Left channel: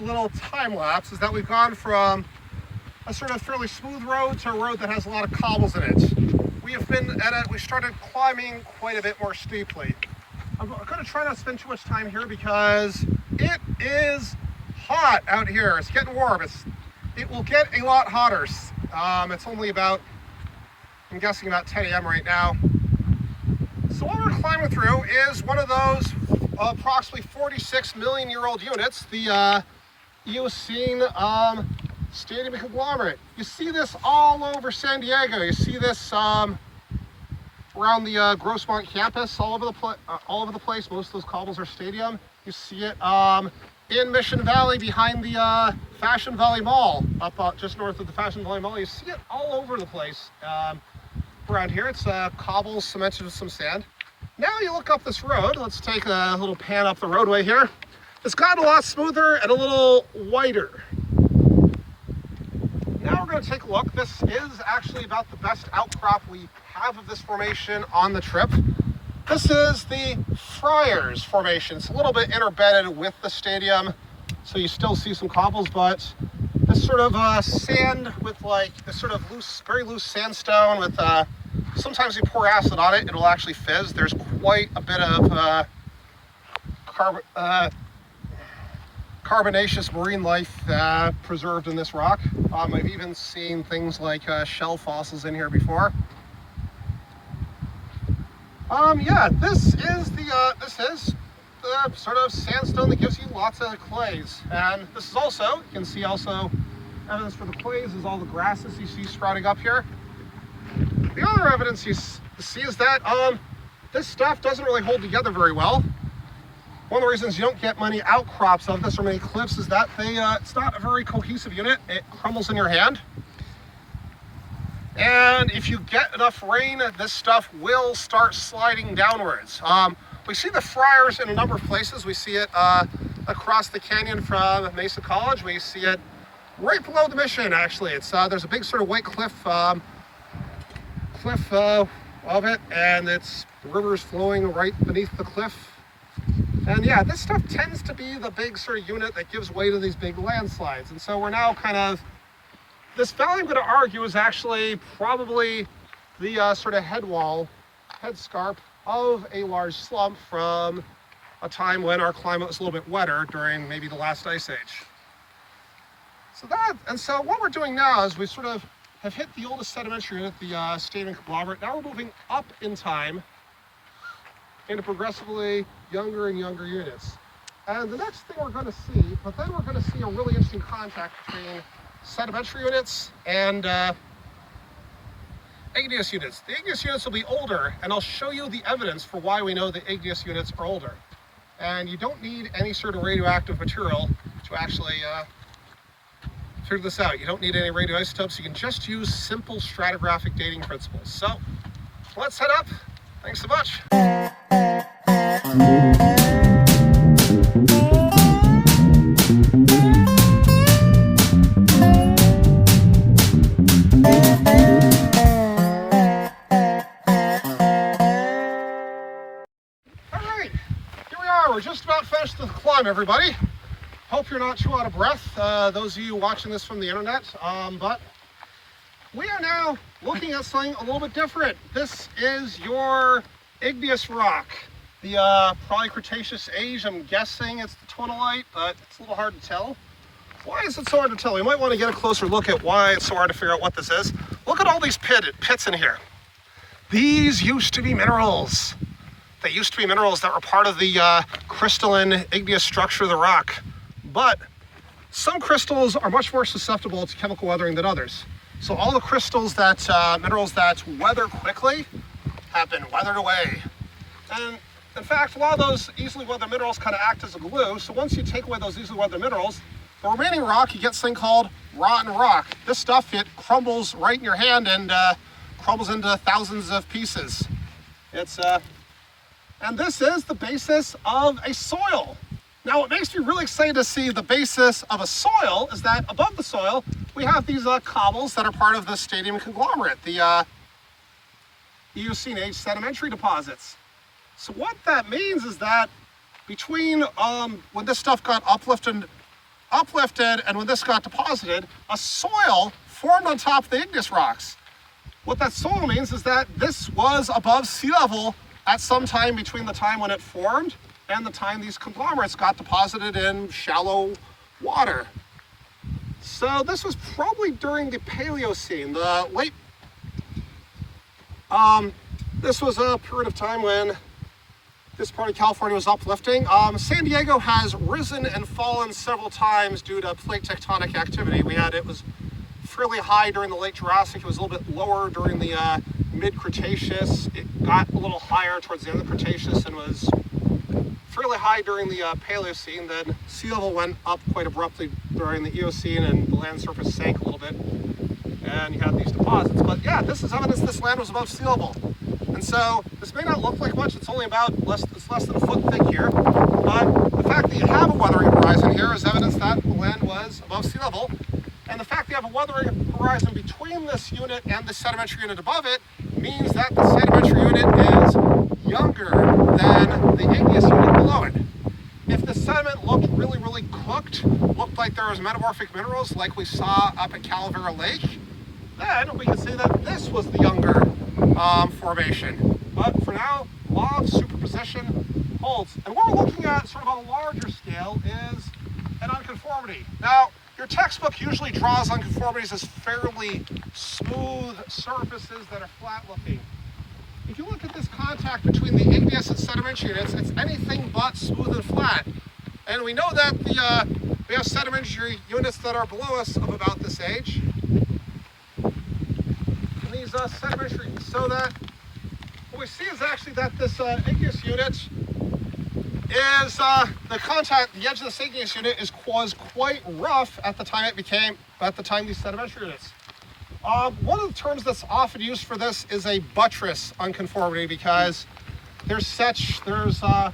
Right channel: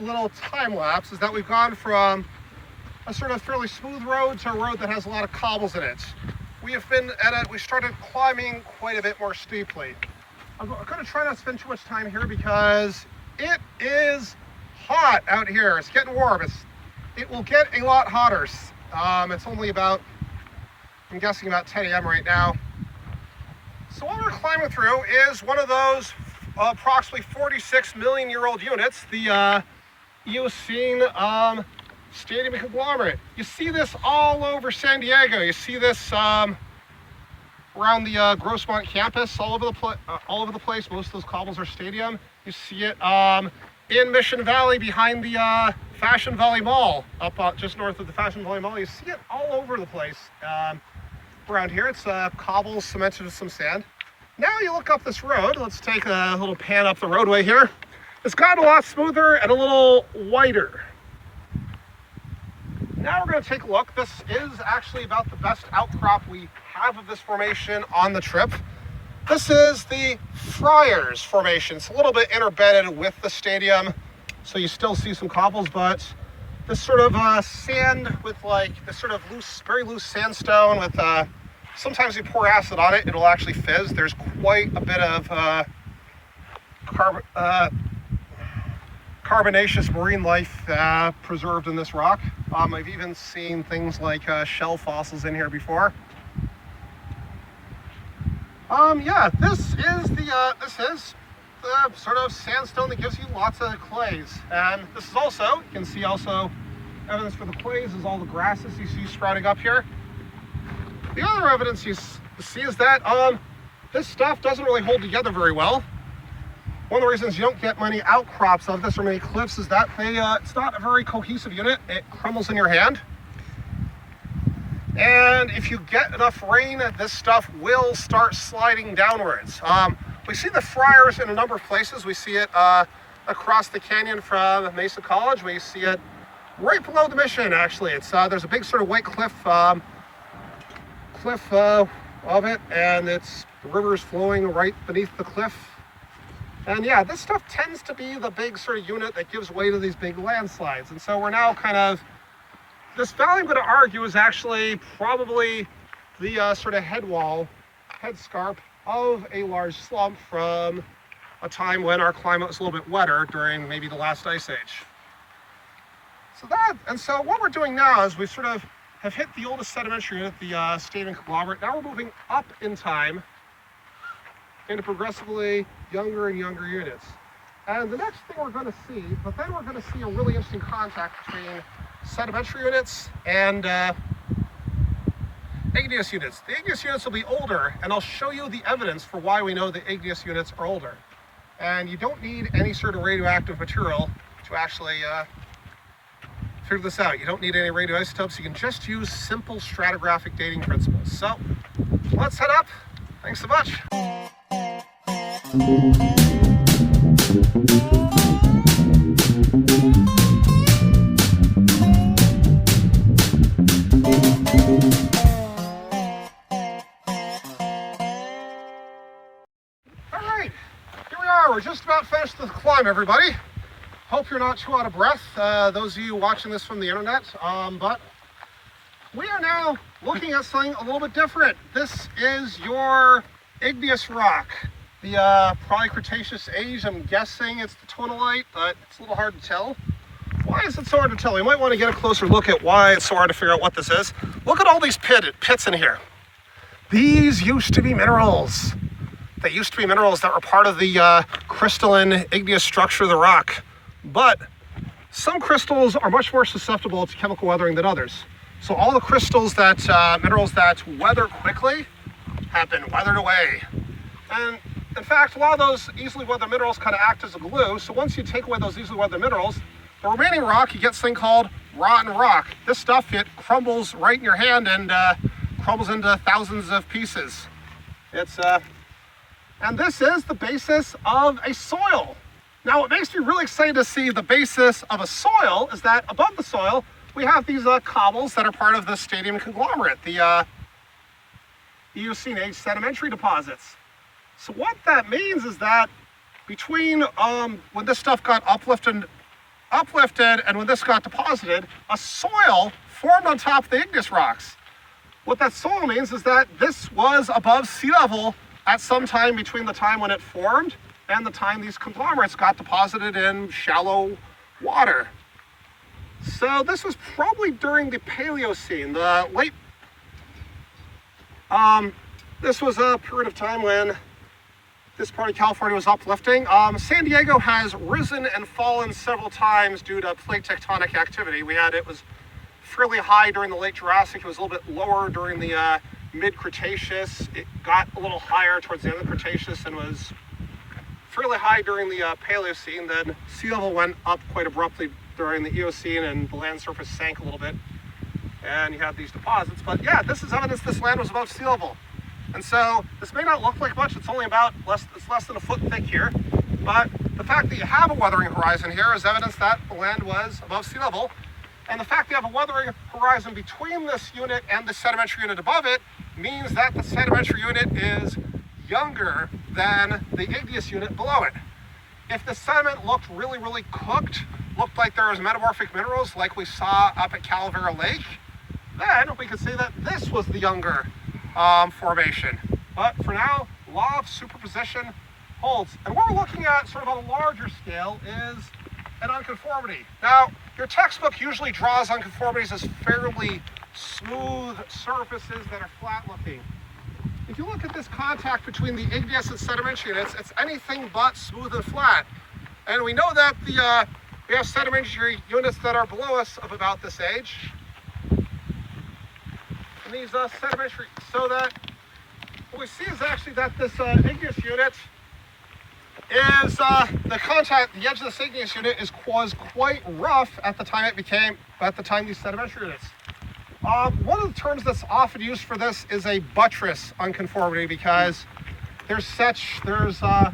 Little time lapse is that we've gone from a sort of fairly smooth road to a road that has a lot of cobbles in it. We started climbing quite a bit more steeply. I'm going to try not to spend too much time here because it is hot out here. It's getting warm. It will get a lot hotter. It's only about, I'm guessing about 10 a.m. right now. So what we're climbing through is one of those approximately 46 million year old units, the Eocene stadium conglomerate. You see this all over San Diego. You see this around the Grossmont campus, all over the place. Most of those cobbles are stadium. You see it in Mission Valley behind the Fashion Valley Mall, up just north of the Fashion Valley Mall. You see it all over the place around here. It's cobbles cemented with some sand. Now you look up this road. Let's take a little pan up the roadway here. It's gotten a lot smoother and a little whiter. Now we're going to take a look. This is actually about the best outcrop we have of this formation on the trip. This is the Friars formation. It's a little bit interbedded with the stadium, so you still see some cobbles, but this sort of sand with like this sort of loose, very loose sandstone with sometimes you pour acid on it, it'll actually fizz. There's quite a bit of carbonaceous marine life preserved in this rock. I've even seen things like shell fossils in here before. Yeah, this is the sort of sandstone that gives you lots of clays, and this is also, you can see also evidence for the clays is all the grasses you see sprouting up here. The other evidence you see is that this stuff doesn't really hold together very well. One of the reasons you don't get many outcrops of this or many cliffs is that it's not a very cohesive unit. It crumbles in your hand. And if you get enough rain, this stuff will start sliding downwards. We see the Friars in a number of places. We see it across the canyon from Mesa College. We see it right below the Mission, actually. There's a big sort of white cliff of it, and the river's flowing right beneath the cliff. And yeah, this stuff tends to be the big sort of unit that gives way to these big landslides. And so we're now this valley, I'm going to argue, is actually probably the sort of head scarp of a large slump from a time when our climate was a little bit wetter during maybe the last ice age. So what we're doing now is we sort of have hit the oldest sedimentary unit, the stadium conglomerate. Now we're moving up in time into progressively younger and younger units. And the next thing we're going to see, but then we're going to see a really interesting contact between sedimentary units and igneous units. The igneous units will be older, and I'll show you the evidence for why we know the igneous units are older. And you don't need any sort of radioactive material to actually figure this out. You don't need any radioisotopes. You can just use simple stratigraphic dating principles. So let's head up. Thanks so much. Alright, here we are. We're just about finished the climb, everybody. Hope you're not too out of breath, those of you watching this from the internet, but we are now looking at something a little bit different. This is your igneous rock, the probably Cretaceous age. I'm guessing it's the tonalite, but it's a little hard to tell. Why is it so hard to tell? We might want to get a closer look at why it's so hard to figure out what this is. Look at all these pits in here. These used to be minerals. They used to be minerals that were part of the crystalline igneous structure of the rock. But some crystals are much more susceptible to chemical weathering than others. So all the crystals that, minerals that weather quickly have been weathered away. And in fact, a lot of those easily weathered minerals kind of act as a glue. So once you take away those easily weathered minerals, the remaining rock, you get this thing called rotten rock. This stuff, it crumbles right in your hand and crumbles into thousands of pieces. And this is the basis of a soil. Now, what makes me really excited to see the basis of a soil is that above the soil, we have these cobbles that are part of the stadium conglomerate, the Eocene age sedimentary deposits. So what that means is that between when this stuff got uplifted and when this got deposited, a soil formed on top of the igneous rocks. What that soil means is that this was above sea level at some time between the time when it formed and the time these conglomerates got deposited in shallow water. So this was probably during the Paleocene, the late, this was a period of time when this part of California was uplifting. San Diego has risen and fallen several times due to plate tectonic activity. It was fairly high during the late Jurassic. It was a little bit lower during the mid-Cretaceous. It got a little higher towards the end of the Cretaceous and was fairly high during the Paleocene. Then sea level went up quite abruptly during the Eocene and the land surface sank a little bit. And you have these deposits. But yeah, this is evidence this land was above sea level. And so this may not look like much, it's only about less than a foot thick here, but the fact that you have a weathering horizon here is evidence that the land was above sea level. And the fact that you have a weathering horizon between this unit and the sedimentary unit above it means that the sedimentary unit is younger than the igneous unit below it. If the sediment looked really, really cooked, looked like there was metamorphic minerals like we saw up at Calavera Lake, then we can say that this was the younger formation. But for now, law of superposition holds. And what we're looking at sort of on a larger scale is an unconformity. Now, your textbook usually draws unconformities as fairly smooth surfaces that are flat looking. If you look at this contact between the igneous and sedimentary units, it's anything but smooth and flat. And we know that we have sedimentary units that are below us of about this age. And these sedimentary, so that what we see is actually that this igneous unit is the edge of this igneous unit was quite rough at the time these sedimentary units. One of the terms that's often used for this is a buttress unconformity because there's so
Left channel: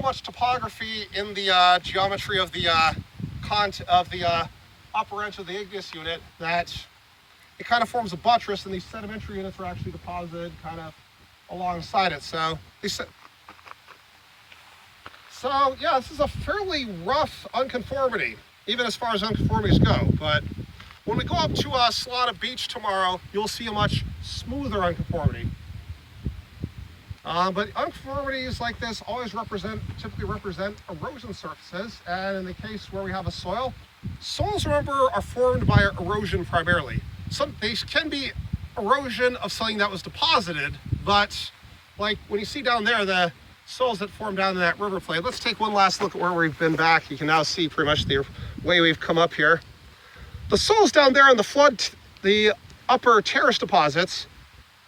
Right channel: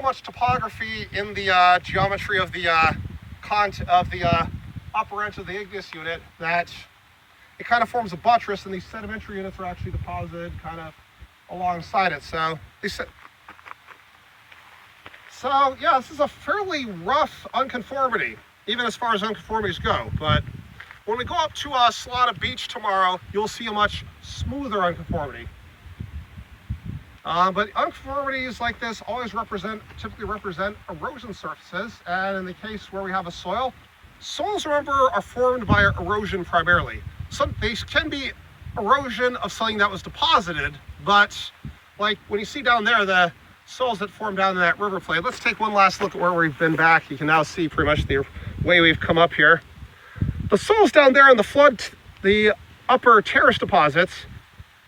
much topography in the geometry of the upper edge of the igneous unit that it kind of forms a buttress, and these sedimentary units are actually deposited kind of alongside it. So yeah, this is a fairly rough unconformity, even as far as unconformities go. But when we go up to Salada Beach tomorrow, you'll see a much smoother unconformity. But unconformities like this always typically represent erosion surfaces. And in the case where we have a soil, soils, remember, are formed by erosion primarily. They can be erosion of something that was deposited, but like when you see down there, the soils that form down in that river plate. Let's take one last look at where we've been back. You can now see pretty much the way we've come up here. The soils down there in the upper terrace deposits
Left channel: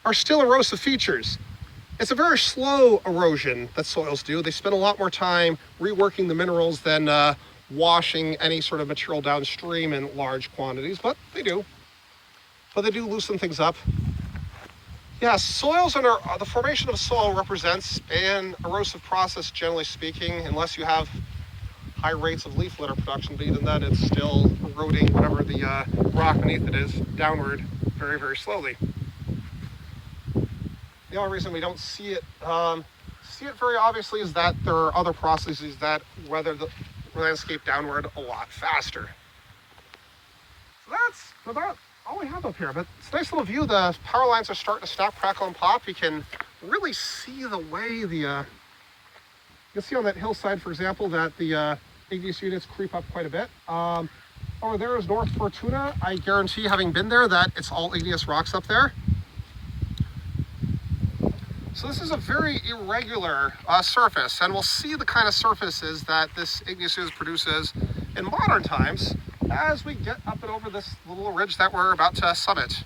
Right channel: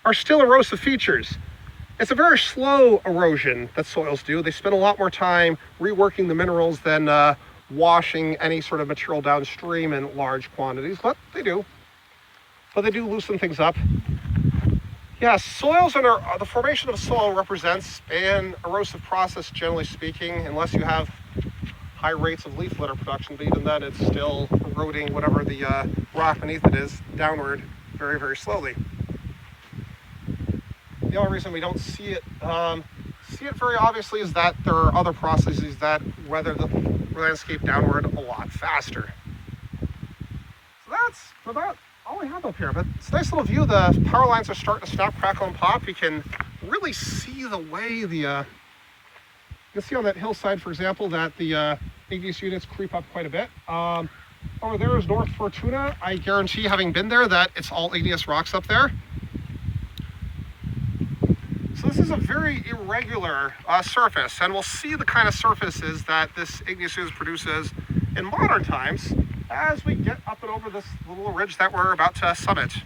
are still erosive features. It's a very slow erosion that soils do. They spend a lot more time reworking the minerals than washing any sort of material downstream in large quantities, but they do. But they do loosen things up. Yeah, soils the formation of soil represents an erosive process, generally speaking, unless you have high rates of leaf litter production, but even then it's still eroding whatever the rock beneath it is downward very, very slowly. The only reason we don't see it very obviously is that there are other processes that weather the landscape downward a lot faster. So that's about all we have up here, but it's a nice little view. The power lines are starting to snap, crackle, and pop. You can really see the way you can see on that hillside, for example, that the igneous units creep up quite a bit. Over there is North Fortuna. I guarantee, having been there, that it's all igneous rocks up there. So this is a very irregular surface, and we'll see the kind of surfaces that this igneous unit produces in modern times as we get up and over this little ridge that we're about to summit.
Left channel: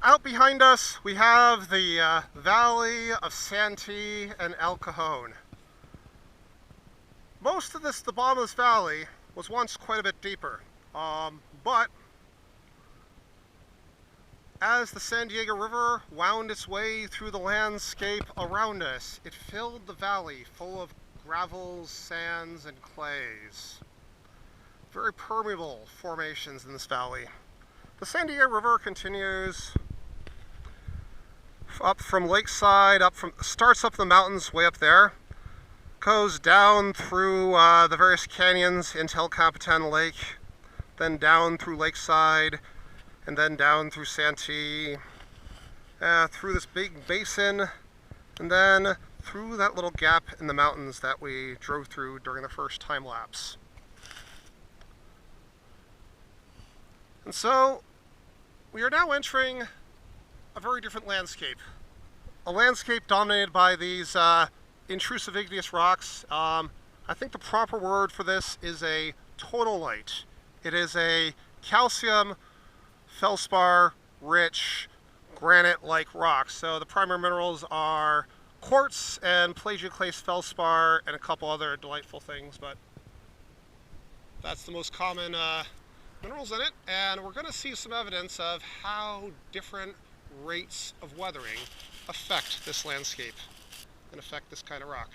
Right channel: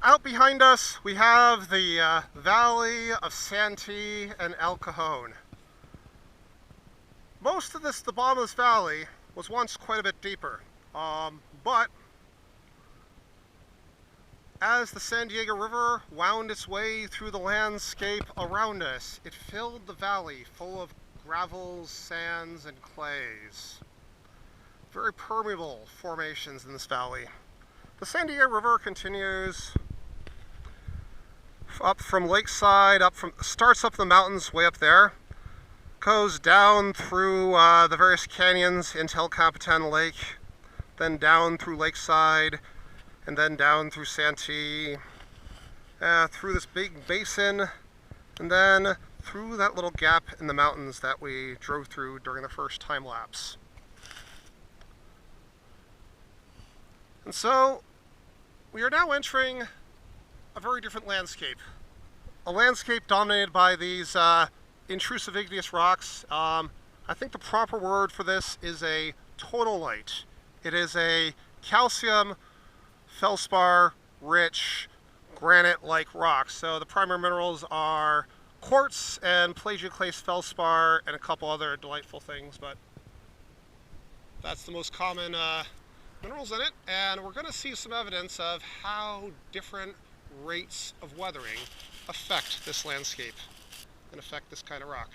Out behind us, we have the Valley of Santee and El Cajon. Most of the bottom of this valley was once quite a bit deeper, but as the San Diego River wound its way through the landscape around us, it filled the valley full of gravels, sands, and clays. Very permeable formations in this valley. The San Diego River continues up from Lakeside, starts up the mountains way up there, goes down through the various canyons into El Capitan Lake, then down through Lakeside, and then down through Santee, through this big basin, and then through that little gap in the mountains that we drove through during the first time lapse. And so, we are now entering a very different landscape. A landscape dominated by these intrusive igneous rocks. I think the proper word for this is a tonalite. It is a calcium feldspar rich granite-like rock. So the primary minerals are quartz and plagioclase feldspar and a couple other delightful things, but that's the most common minerals in it. And we're going to see some evidence of how different rates of weathering affect this landscape and affect this kind of rock.